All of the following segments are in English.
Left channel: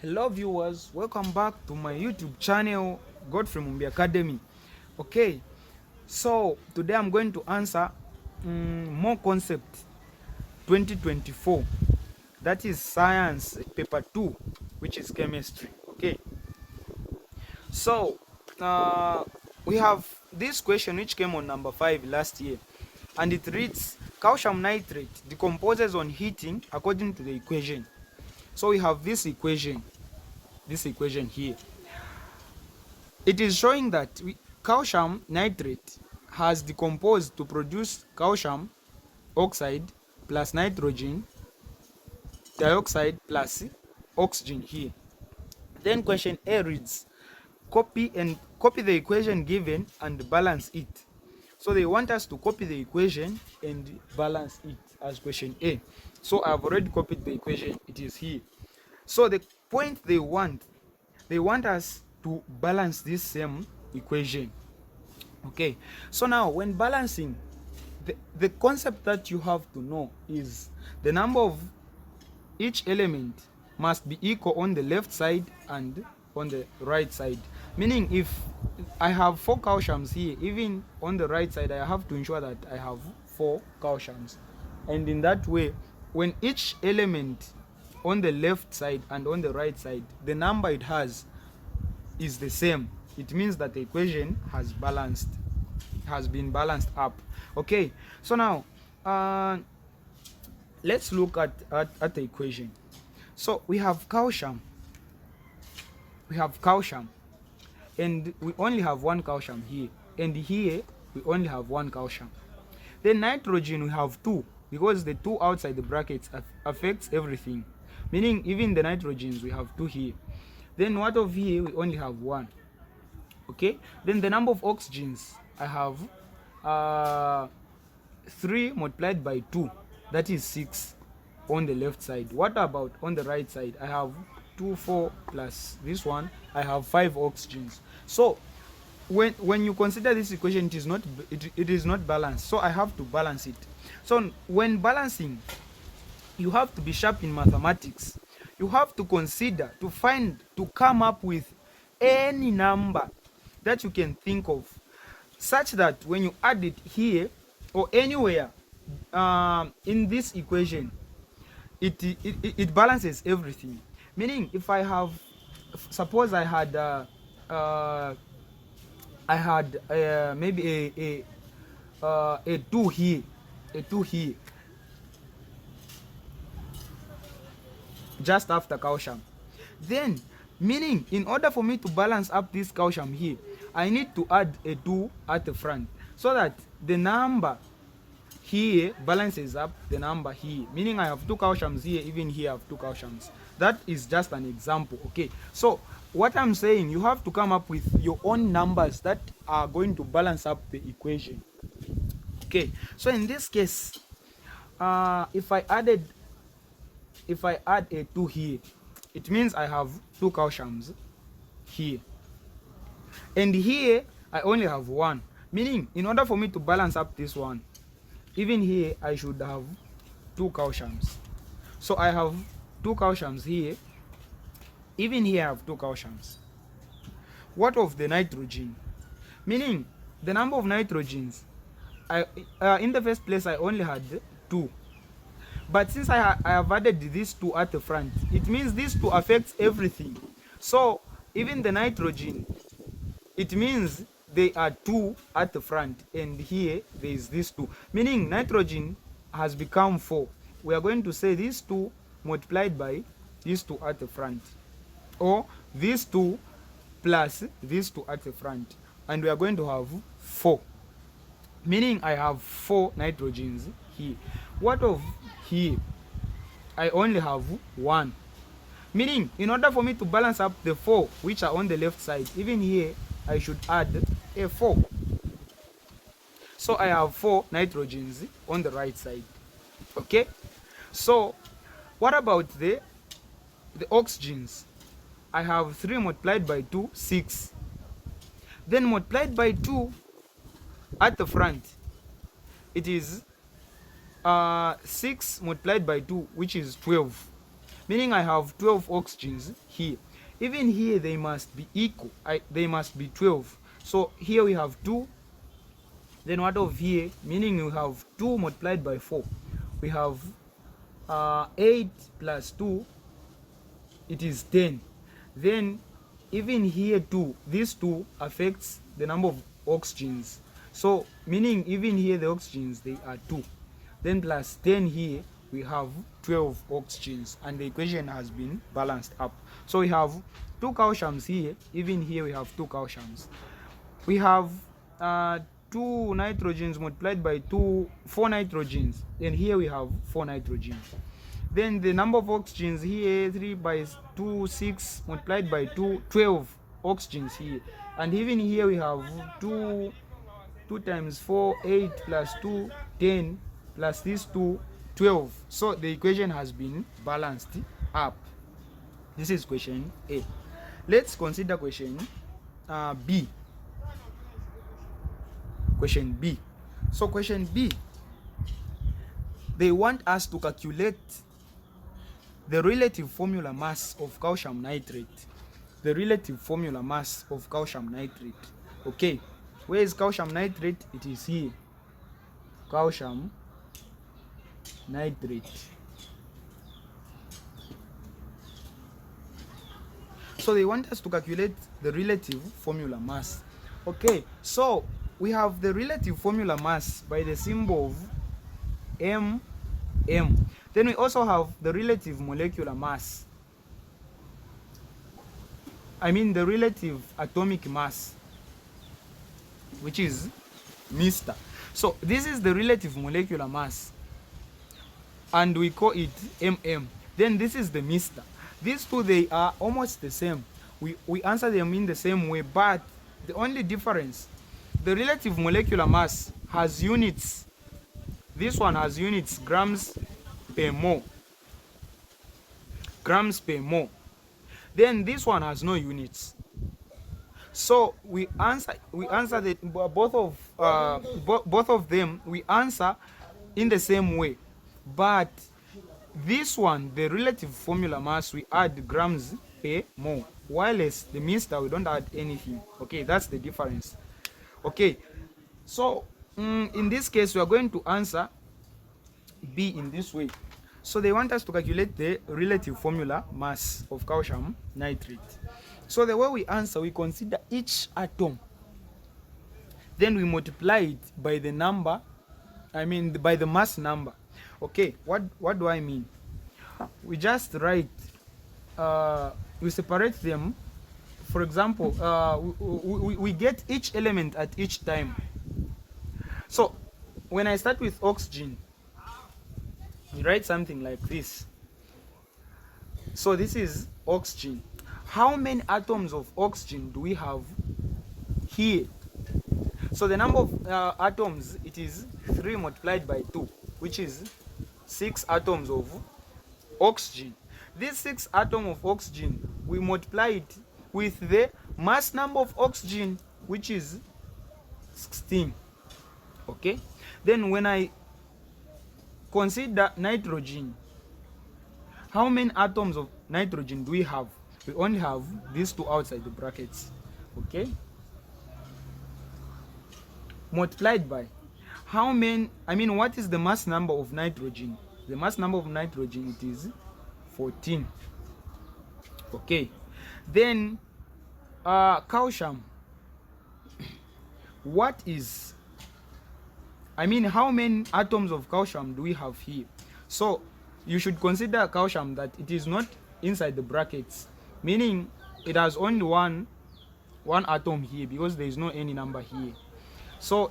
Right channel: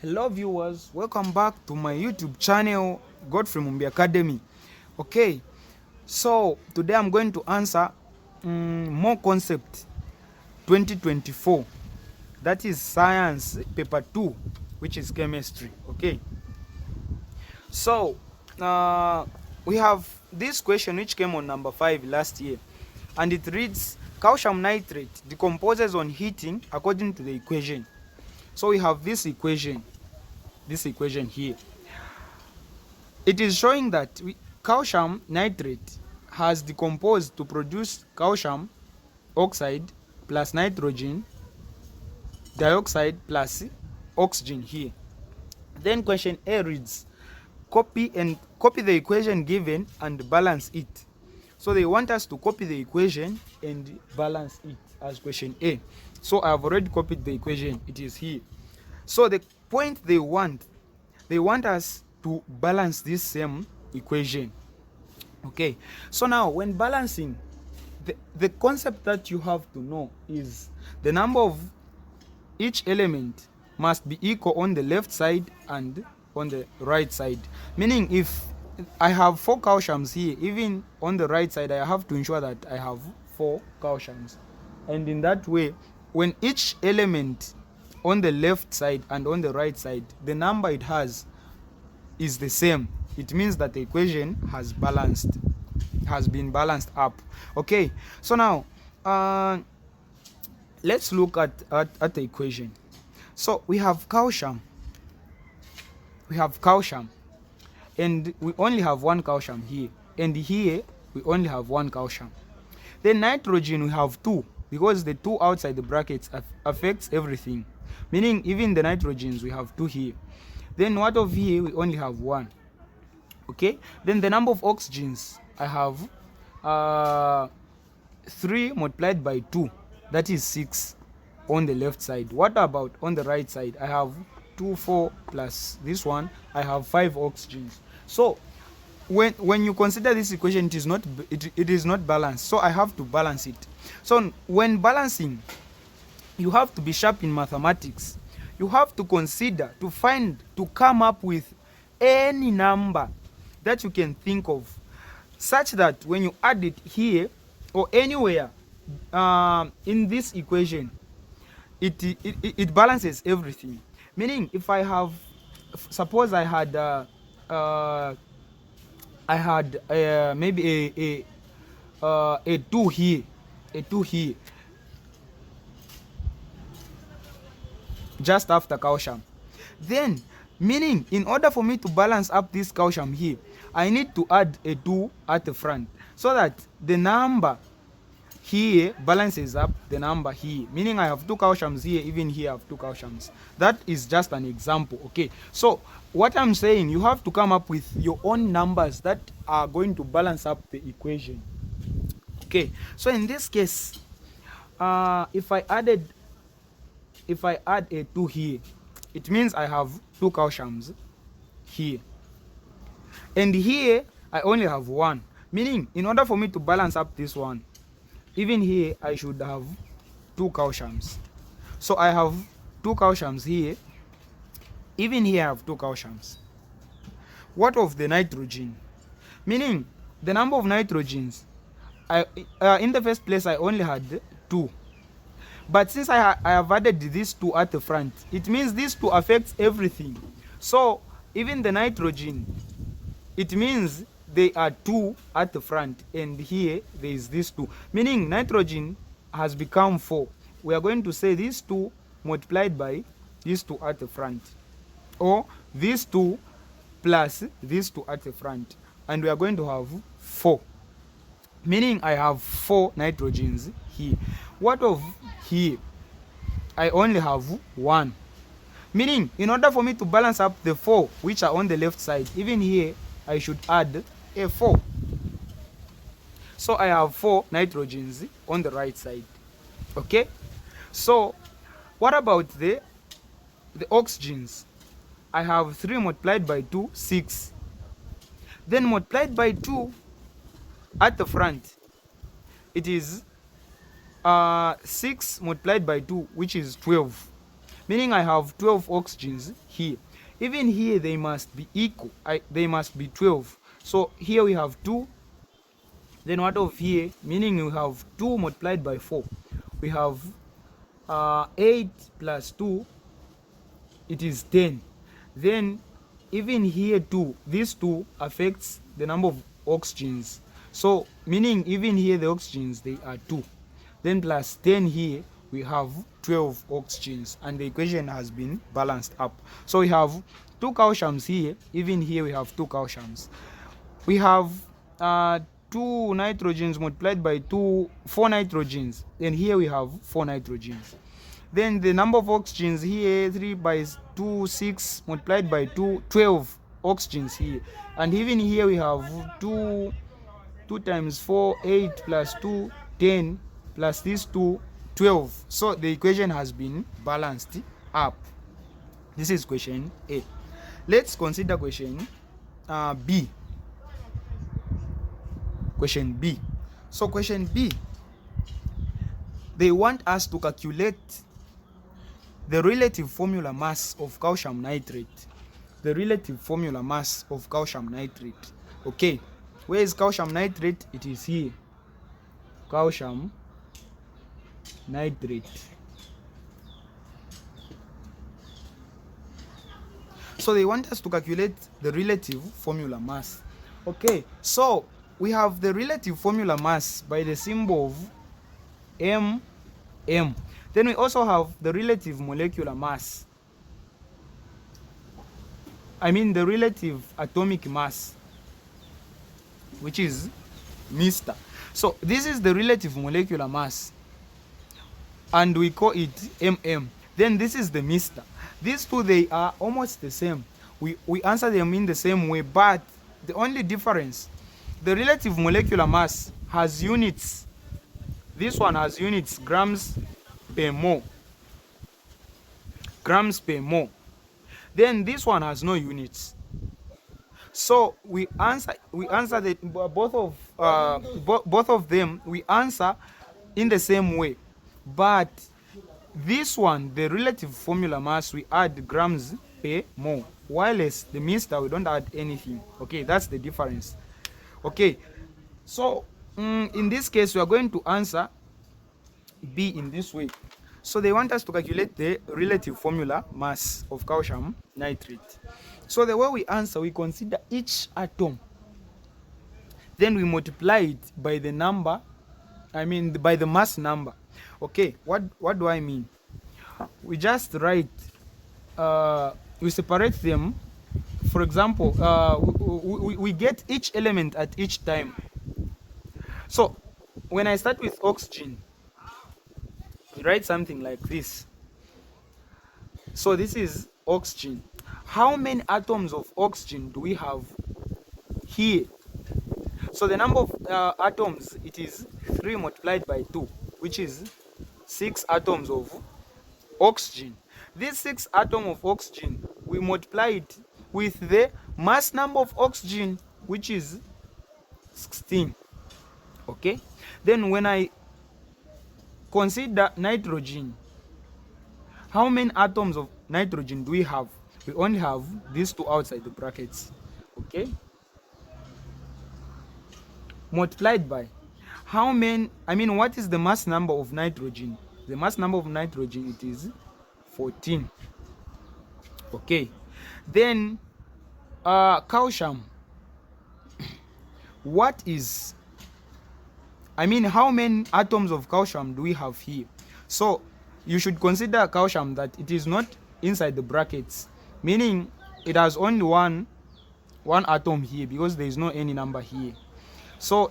Hello viewers, welcome back to my YouTube channel, Godfrey Mumbi Academy. Okay, so today I'm going to answer more concept 2024. That is science paper 2, which is chemistry. Okay, so we have this question which came on number 5 last year, and it reads calcium nitrate decomposes on heating according to the equation. So we have this equation here. It is showing that calcium nitrate has decomposed to produce calcium oxide plus nitrogen dioxide plus oxygen here. Then question A reads, copy the equation given and balance it. So they want us to copy the equation and balance it as question A. So I have already copied the equation. It is here. So the point they want us to balance this same equation. Okay, so now when balancing, the concept that you have to know is the number of each element must be equal on the left side and on the right side. Meaning if I have 4 calciums here, even on the right side I have to ensure that I have 4 calciums. And in that way, when each element on the left side and on the right side, the number it has is the same, it means that the equation has been balanced up. Okay, so now let's look at the equation. So we have calcium, and we only have 1 calcium here, and here we only have 1 calcium. Then nitrogen we have 2, because the 2 outside the brackets affects everything, meaning even the nitrogens we have 2 here. Then what of here we only have 1. Okay, then the number of oxygens I have 3 multiplied by 2, that is 6 on the left side. What about on the right side? I have 2, 4 plus this one, I have 5 oxygens. So when you consider this equation, it is not balanced, so I have to balance it. So when balancing, you have to be sharp in mathematics. You have to consider to come up with any number that you can think of, such that when you add it here or anywhere in this equation, it balances everything. Meaning if I have, suppose I had maybe a 2 here, just after calcium, then meaning in order for me to balance up this calcium here, I need to add a 2 at the front, so that the number here balances up the number here, meaning I have 2 calciums here, even here I have 2 calciums. That is just an example. Okay, so what I'm saying, you have to come up with your own numbers that are going to balance up the equation. Okay, so in this case, if I add a 2 here, it means I have 2 calciums here, and here I only have 1, meaning in order for me to balance up this one, even here I should have 2 calciums. So I have 2 calciums here, even here I have 2 calciums. What of the nitrogen? Meaning the number of nitrogens, in the first place I only had 2, but since I have added these 2 at the front, it means these 2 affects everything. So even the nitrogen, it means they are 2 at the front, and here there is this 2, meaning nitrogen has become 4. We are going to say these 2 multiplied by these 2 at the front, or these 2 plus these 2 at the front, and we are going to have 4, meaning I have 4 nitrogens here. What of here? I only have 1, meaning in order for me to balance up the 4 which are on the left side, even here I should add a 4. So I have 4 nitrogens on the right side. Okay, so what about the oxygens? I have 3 multiplied by 2, 6. Then multiplied by 2 at the front, it is 6 multiplied by 2, which is 12. meaning I have 12 oxygens here. Even here they must be equal. They must be 12. So here we have 2. Then what of here? Meaning we have 2 multiplied by 4. We have 8 plus 2, it is 10. Then even here too, this 2 affects the number of oxygens. So meaning even here the oxygens, they are 2. Then plus 10 here, we have 12 oxygens, and the equation has been balanced up. So we have 2 calciums here. Even here we have 2 calciums. We have 2 nitrogens multiplied by 4 nitrogens. And here we have 4 nitrogens. Then the number of oxygens here, 3 by 2, 6 multiplied by 2, 12 oxygens here. And even here we have 2 times 4, 8 plus 2, 10 plus these 2, 12. So the equation has been balanced up. This is question A. Let's consider question B. Question B. So question B, they want us to calculate the relative formula mass of calcium nitrate. The relative formula mass of calcium nitrate. Okay, where is calcium nitrate? It is here. Calcium nitrate. So they want us to calculate the relative formula mass. Okay, so we have the relative formula mass by the symbol of M. Then we also have the relative molecular mass. I mean the relative atomic mass, which is Mr. So this is the relative molecular mass, and we call it MM. Then this is the Mr. These two, they are almost the same. We answer them in the same way, but the only difference, the relative molecular mass has units. This one has units, grams per mole. Grams per mole. Then this one has no units. So we answer that both of them, we answer in the same way, but this one, the relative formula mass, we add grams per mole, while as the Mr, we don't add anything. Okay, that's the difference. Okay, so in this case we are going to answer B in this way. So they want us to calculate the relative formula mass of calcium nitrate. So the way we answer, we consider each atom, then we multiply it by the number, by the mass number. Okay, what do I mean? We just write, we separate them. For example, we get each element at each time. So when I start with oxygen, we write something like this. So this is oxygen. How many atoms of oxygen do we have here? So the number of atoms, it is 3 multiplied by 2, which is 6 atoms of oxygen. This 6 atoms of oxygen, we multiply it with the mass number of oxygen, which is 16. Okay, then when I consider nitrogen, how many atoms of nitrogen do we have? We only have these 2 outside the brackets. Okay, multiplied by how many, what is the mass number of nitrogen? The mass number of nitrogen, it is 14. Okay, then calcium, what is, how many atoms of calcium do we have here? So you should consider calcium that it is not inside the brackets, meaning it has only one atom here, because there is no any number here. So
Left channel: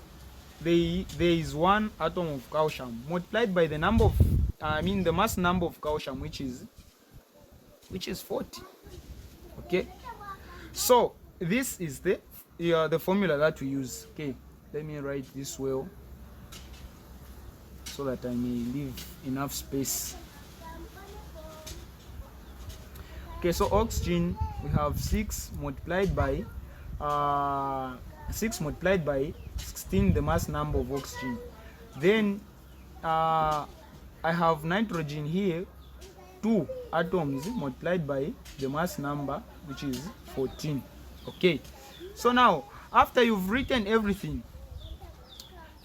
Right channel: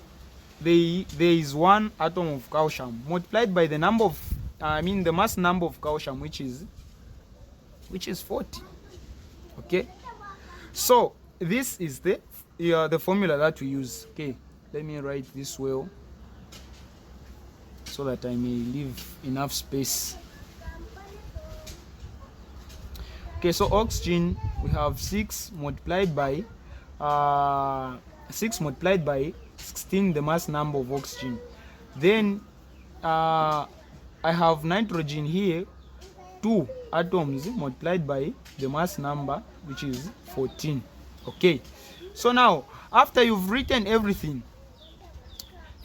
there is 1 atom of calcium multiplied by the number of, the mass number of calcium, which is 40. Okay, so this is the formula that we use. Okay, let me write this well so that I may leave enough space. Okay, so oxygen, we have 6 multiplied by 16, the mass number of oxygen. Then I have nitrogen here, 2 atoms multiplied by the mass number, which is 14. Okay, so now after you've written everything,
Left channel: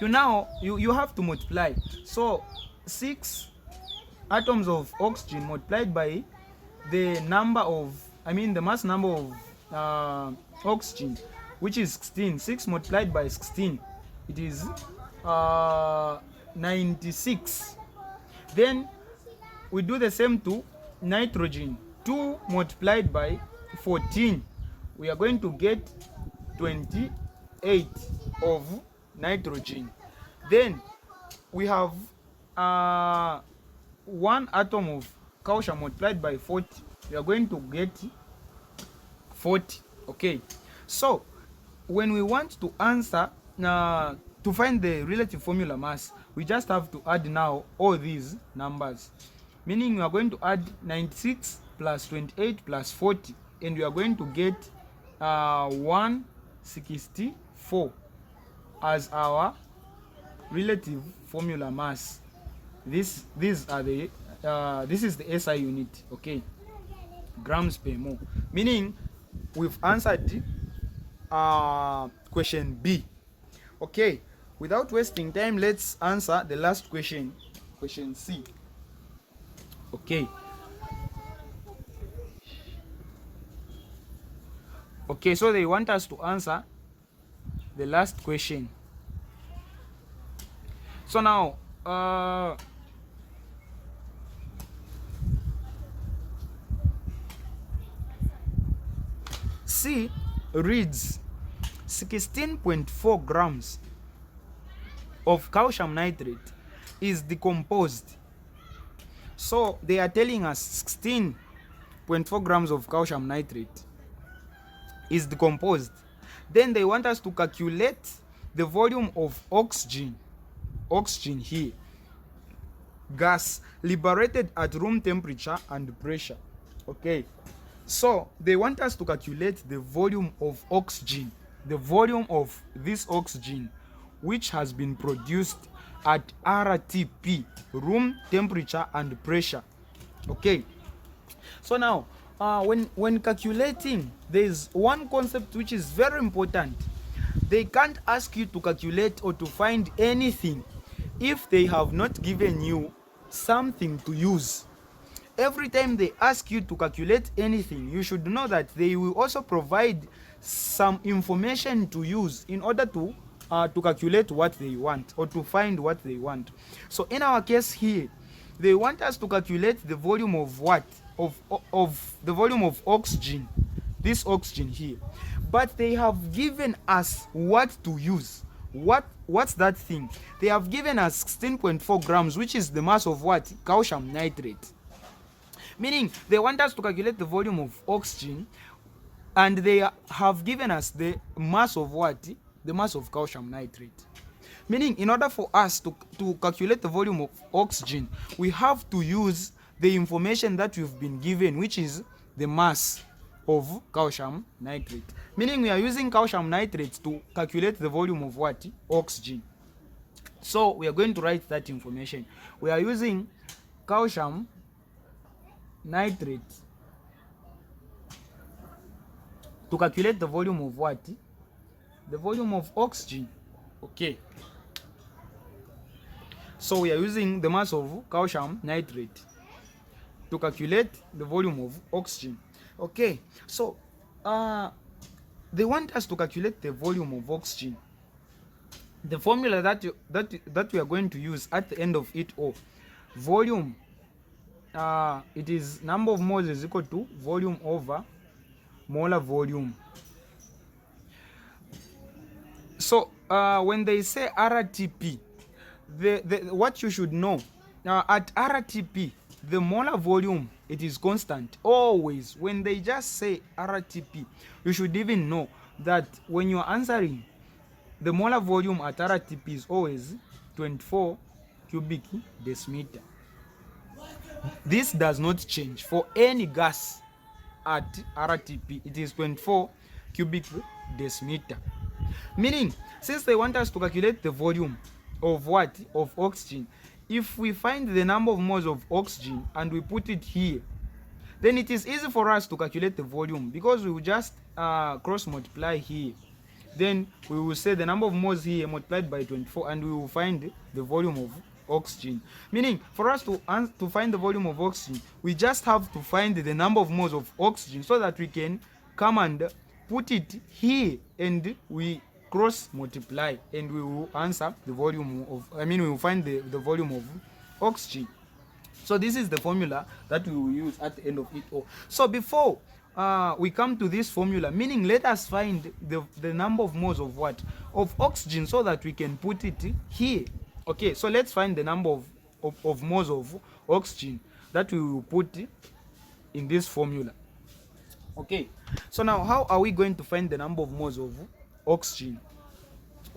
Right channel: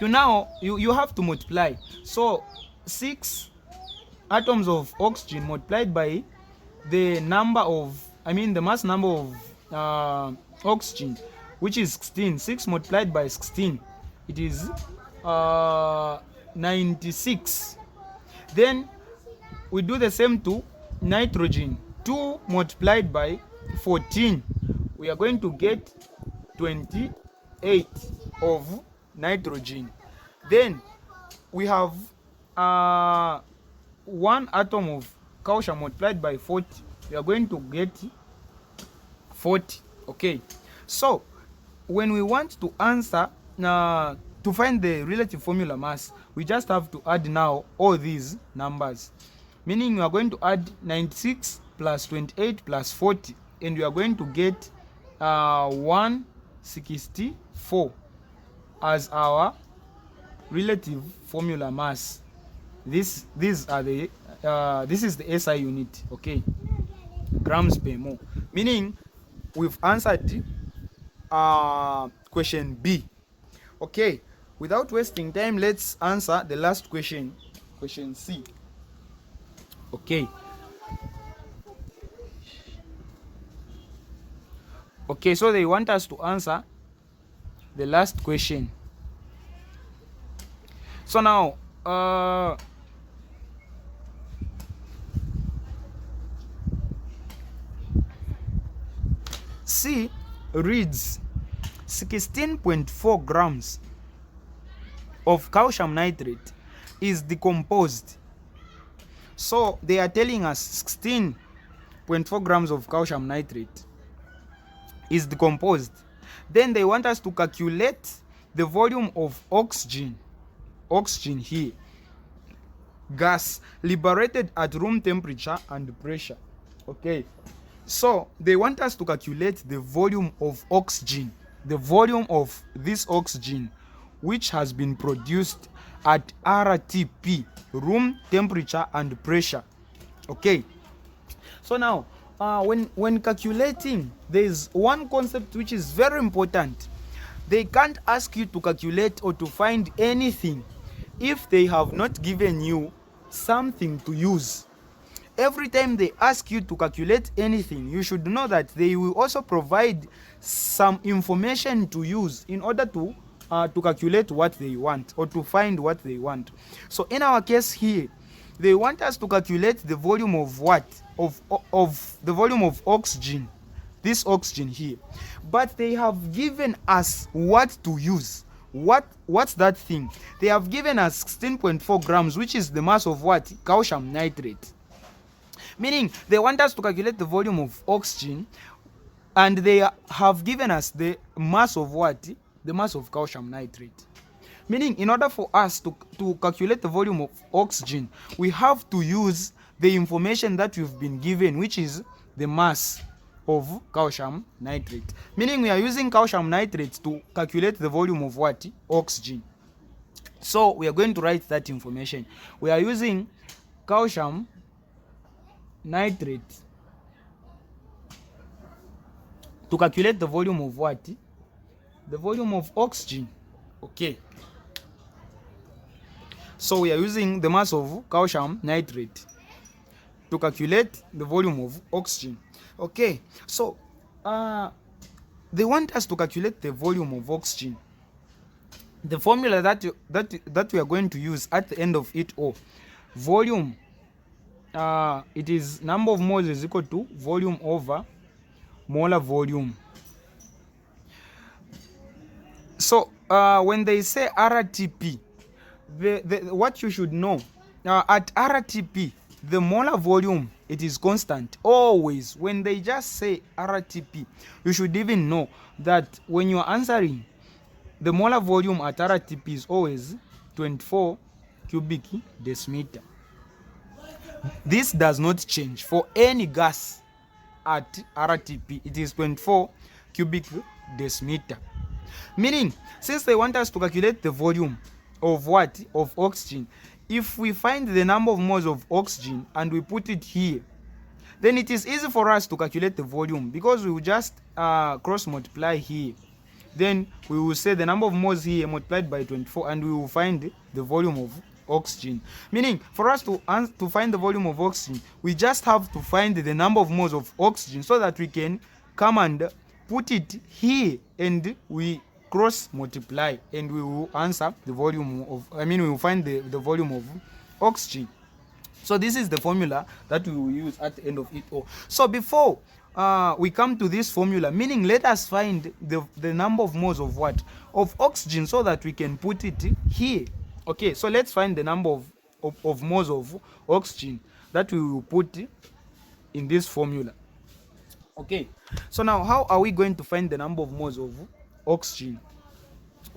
you have to multiply. So 6 atoms of oxygen multiplied by the mass number of oxygen, which is 16. 6 multiplied by 16, it is 96. Then we do the same to nitrogen. 2 multiplied by 14, we are going to get 28 of nitrogen. Then we have 1 atom of calcium multiplied by 40, we are going to get 40. Okay, so when we want to answer to find the relative formula mass, we just have to add now all these numbers, meaning we are going to add 96 plus 28 plus 40, and we are going to get 164 as our relative formula mass. This is the SI unit, okay, grams per mole, meaning we've answered question B. Okay, without wasting time, let's answer the last question, question C. Okay, so they want us to answer the last question. So now C reads 16.4 grams of calcium nitrate is decomposed. So they are telling us 16.4 grams of calcium nitrate is decomposed. Then they want us to calculate the volume of oxygen here, gas liberated at room temperature and pressure. Okay, so they want us to calculate the volume of oxygen, the volume of this oxygen which has been produced at RTP, room temperature and pressure. Okay, so now when calculating, there is one concept which is very important. They can't ask you to calculate or to find anything if they have not given you something to use. Every time they ask you to calculate anything, you should know that they will also provide some information to use in order to calculate what they want or to find what they want. So in our case here, they want us to calculate the volume of what? Of the volume of oxygen, this oxygen here. But they have given us what to use. What's that thing? They have given us 16.4 grams, which is the mass of what? Calcium nitrate. Meaning they want us to calculate the volume of oxygen, and they have given us the mass of what? The mass of calcium nitrate. Meaning in order for us to calculate the volume of oxygen, we have to use the information that we've been given, which is the mass of calcium nitrate. Meaning we are using calcium nitrate to calculate the volume of what? Oxygen. So we are going to write that information. We are using calcium nitrate to calculate the volume of what? The volume of oxygen. Okay, so we are using the mass of calcium nitrate to calculate the volume of oxygen. Okay, so they want us to calculate the volume of oxygen. The formula that we are going to use at the end of it all, volume, it is number of moles is equal to volume over molar volume. So when they say RTP, what you should know, at RTP, the molar volume, it is constant always. When they just say RTP, you should even know that when you are answering, the molar volume at RTP is always 24 cubic decimeter. This does not change for any gas at RTP. It is 24 cubic decimeter. Meaning, since they want us to calculate the volume of what? Of oxygen. If we find the number of moles of oxygen and we put it here, then it is easy for us to calculate the volume, because we will just cross multiply here. Then we will say the number of moles here multiplied by 24, and we will find the volume of oxygen. Meaning, for us to find the volume of oxygen, we just have to find the number of moles of oxygen, so that we can come and put it here, and we cross multiply, and we will answer the volume of, we will find the volume of oxygen. So this is the formula that we will use at the end of it all. So before we come to this formula, meaning let us find the number of moles of what? Of oxygen, so that we can put it here. Okay, so let's find the number of moles of oxygen that we will put in this formula. Okay, so now how are we going to find the number of moles of oxygen?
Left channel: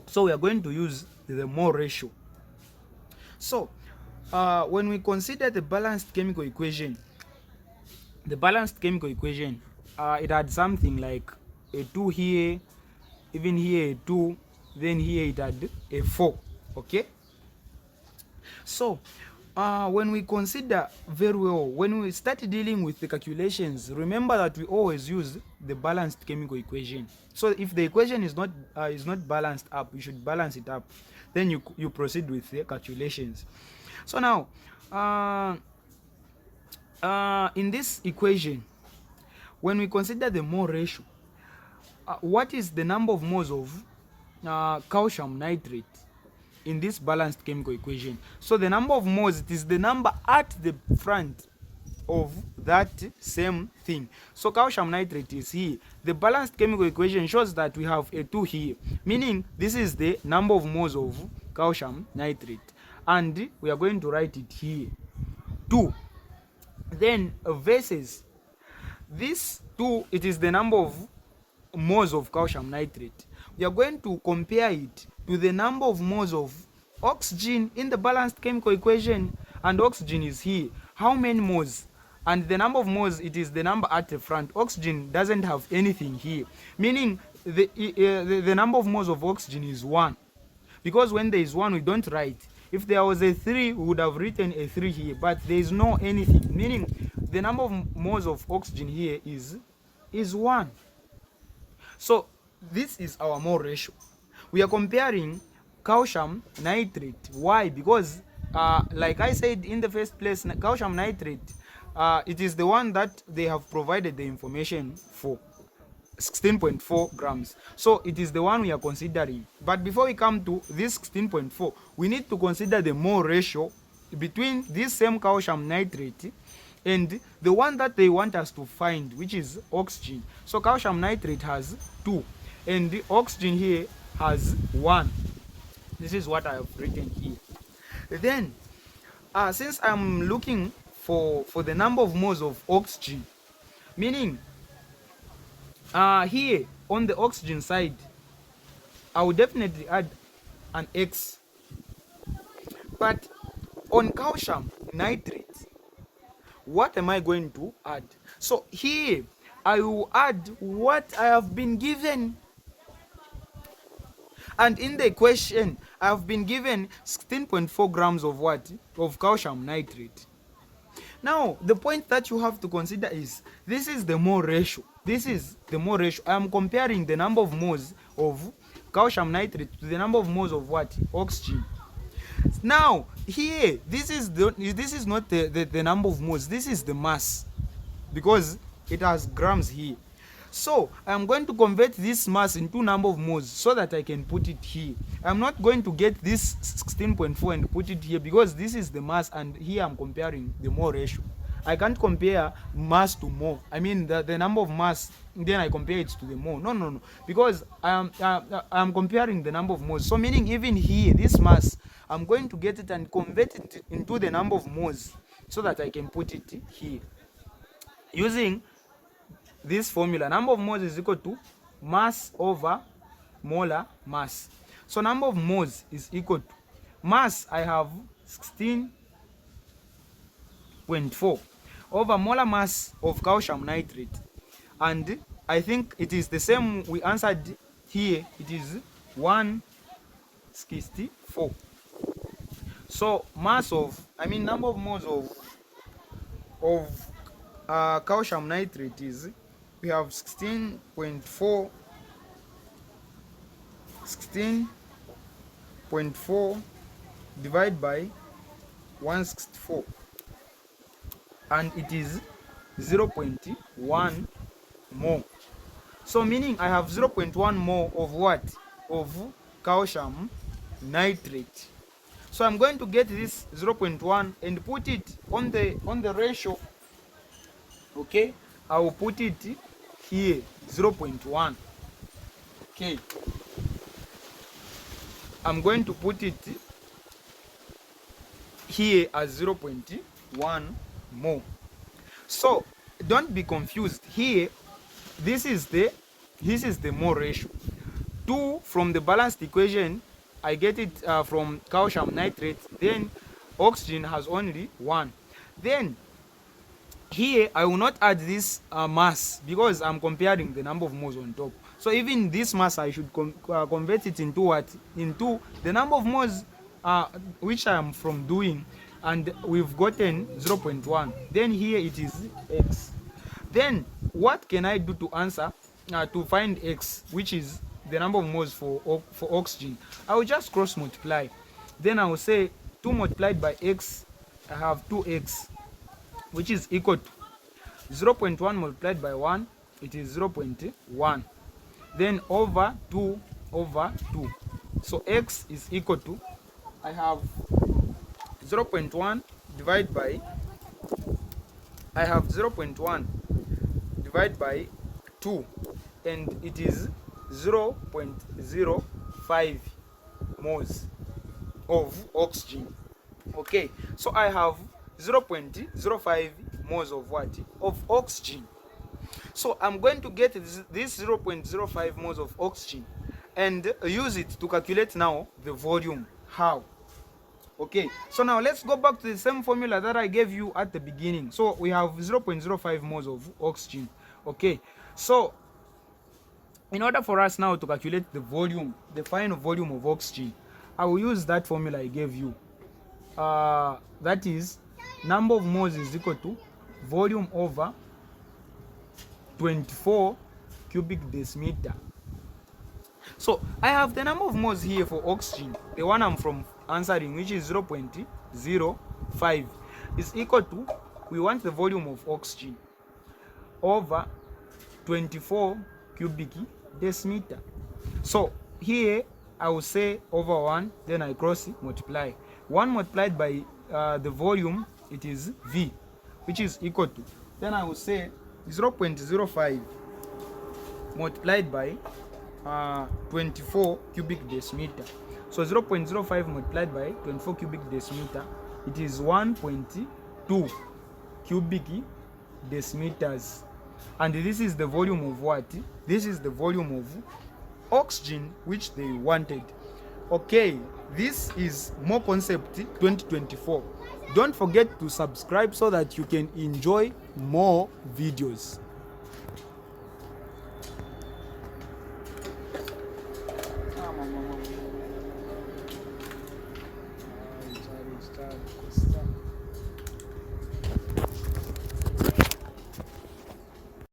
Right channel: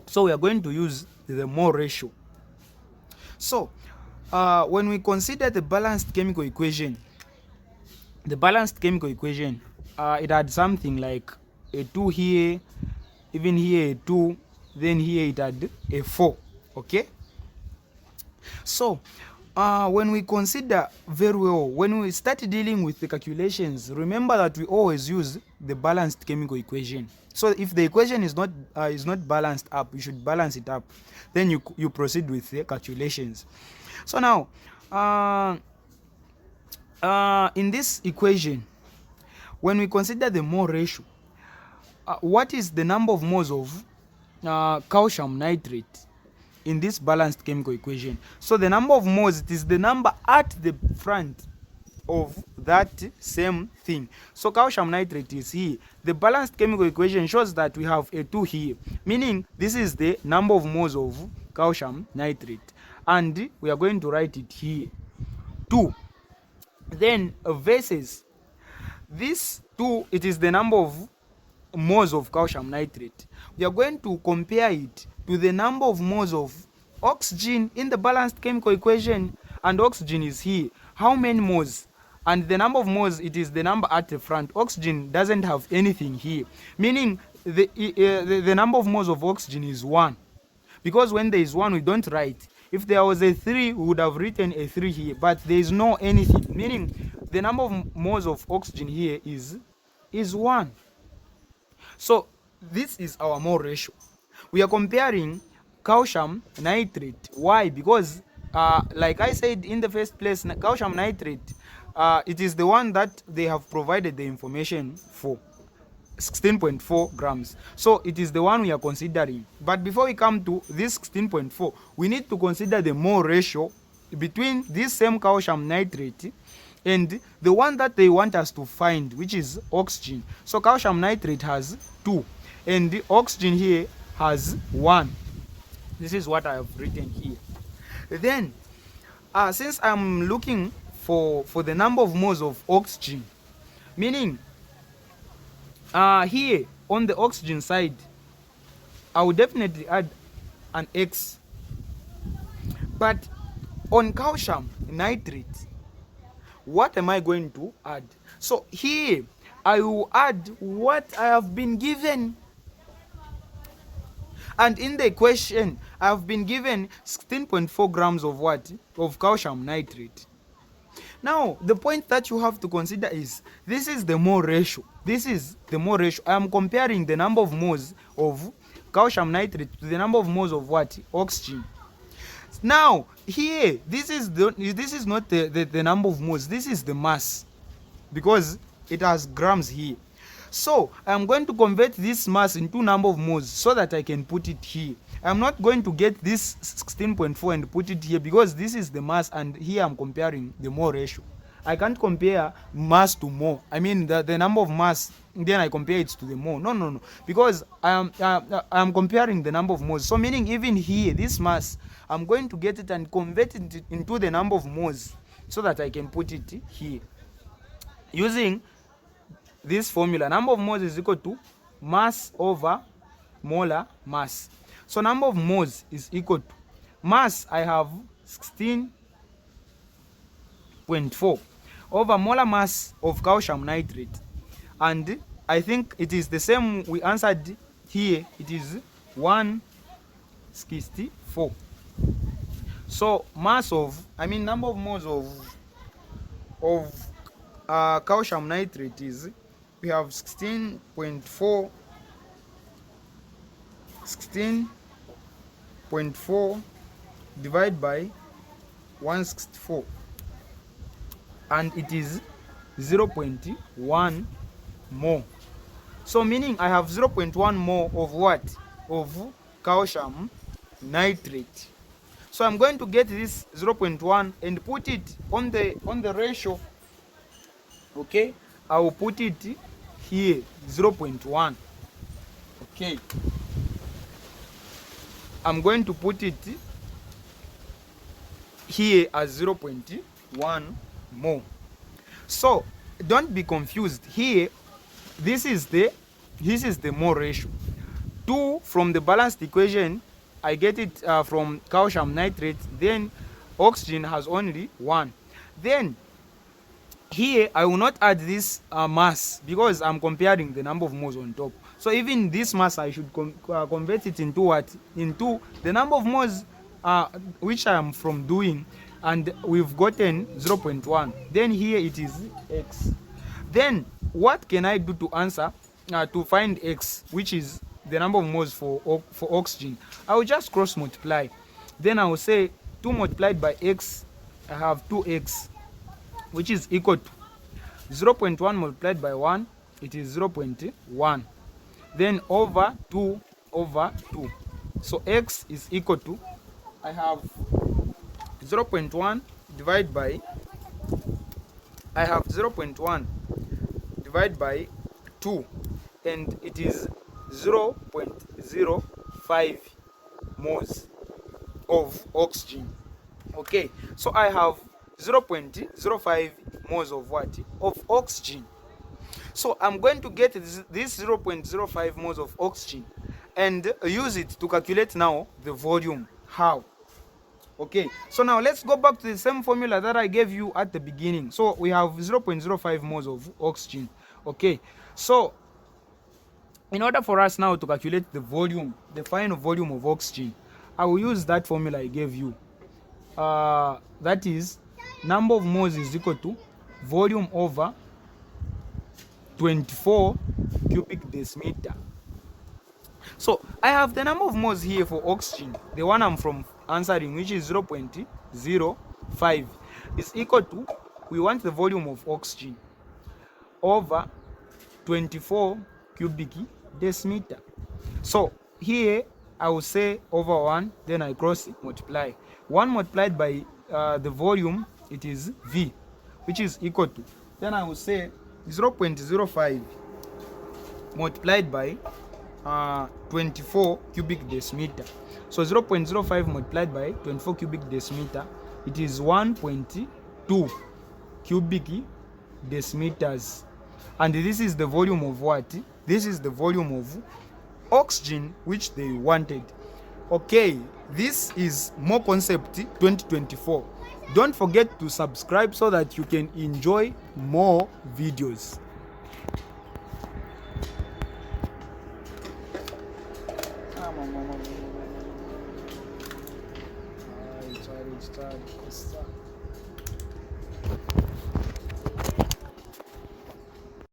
So we are going to use the mole ratio. So when we consider the balanced chemical equation, it had something like a 2 here, even here a 2, then here it had a 4. Okay, so when we consider very well, when we start dealing with the calculations, remember that we always use the balanced chemical equation. So if the equation is not balanced up, you should balance it up, then you proceed with the calculations. So now in this equation, when we consider the mole ratio, what is the number of moles of calcium nitrate in this balanced chemical equation? So the number of moles, it is the number at the front of that same thing. So calcium nitrate is here. The balanced chemical equation shows that we have a 2 here, meaning this is the number of moles of calcium nitrate, and we are going to write it here, 2. Then versus this 2, it is the number of moles of calcium nitrate. We are going to compare it to the number of moles of oxygen in the balanced chemical equation, and oxygen is here. How many moles? And the number of moles, it is the number at the front. Oxygen doesn't have anything here, meaning the number of moles of oxygen is 1, because when there is 1 we don't write. If there was a 3, we would have written a 3 here, but there is no anything, meaning the number of moles of oxygen here is 1. So this is our mole ratio. We are comparing calcium nitrate. Why? Because like I said in the first place, calcium nitrate, it is the one that they have provided the information for, 16.4 grams. So it is the one we are considering. But before we come to this 16.4, we need to consider the mole ratio between this same calcium nitrate and the one that they want us to find, which is oxygen. So calcium nitrate has 2, and the oxygen here has 1. This is what I have written here. Then since I'm looking for the number of moles of oxygen, meaning here on the oxygen side, I will definitely add an X. But on calcium nitrate, what am I going to add? So here I will add what I have been given. And in the equation, I have been given 16.4 grams of what? Of calcium nitrate. Now, the point that you have to consider is, this is the mole ratio. This is the mole ratio. I am comparing the number of moles of calcium nitrate to the number of moles of what? Oxygen. Now, here, this is not the number of moles. This is the mass, because it has grams here. So I am going to convert this mass into number of moles so that I can put it here. I'm not going to get this 16.4 and put it here, because this is the mass, and here I'm comparing the mole ratio. I can't compare mass to mole. I mean the number of mass, then I compare it to the mole. No. Because I'm comparing the number of moles. So meaning even here, this mass, I'm going to get it and convert it into the number of moles so that I can put it here. Using this formula, number of moles is equal to mass over molar mass. So number of moles is equal to mass, I have 16.4 over molar mass of calcium nitrate, and I think it is the same we answered here. It is 164. So mass of, number of moles of calcium nitrate is, we have 16.4 divided by 164, and it is 0.1 more. So meaning I have 0.1 more of what? Of calcium nitrate. So I'm going to get this 0.1 and put it on the ratio. Okay, I will put it here 0.1. Okay, I'm going to put it here as 0.1 more. So don't be confused here. This is the mole ratio. 2 from the balanced equation, I get it from calcium nitrate, then oxygen has only 1. Then here I will not add this mass because I'm comparing the number of moles on top. So even this mass I should convert it into what? Into the number of moles which I am from doing, and we've gotten 0.1. Then here it is x. Then what can I do to answer to find x, which is the number of moles for oxygen? I will just cross multiply. Then I will say 2 multiplied by x, I have 2x, which is equal to 0.1 multiplied by 1, it is 0.1. Then over 2 over 2. So x is equal to, I have 0.1 divided by, I have 0.1 divided by 2, and it is 0.05 moles of oxygen. Okay, so I have 0.05 moles of what? Of oxygen. So I'm going to get this 0.05 moles of oxygen and use it to calculate now the volume. How? Okay, so now let's go back to the same formula that I gave you at the beginning. So we have 0.05 moles of oxygen. Okay, so in order for us now to calculate the volume, the final volume of oxygen, I will use that formula I gave you. That is, number of moles is equal to volume over 24 cubic decimeter. So I have the number of moles here for oxygen, the one I'm from answering, which is 0.05, is equal to, we want the volume of oxygen over 24 cubic decimeter. So here I will say over 1, then I cross multiply. 1 multiplied by the volume, it is V, which is equal to, then I will say 0.05 multiplied by 24 cubic decimeter. So 0.05 multiplied by 24 cubic decimeter, it is 1.2 cubic decimeters. And this is the volume of what? This is the volume of oxygen which they wanted. Okay, this is More Concept 2024. Don't forget to subscribe so that you can enjoy more videos.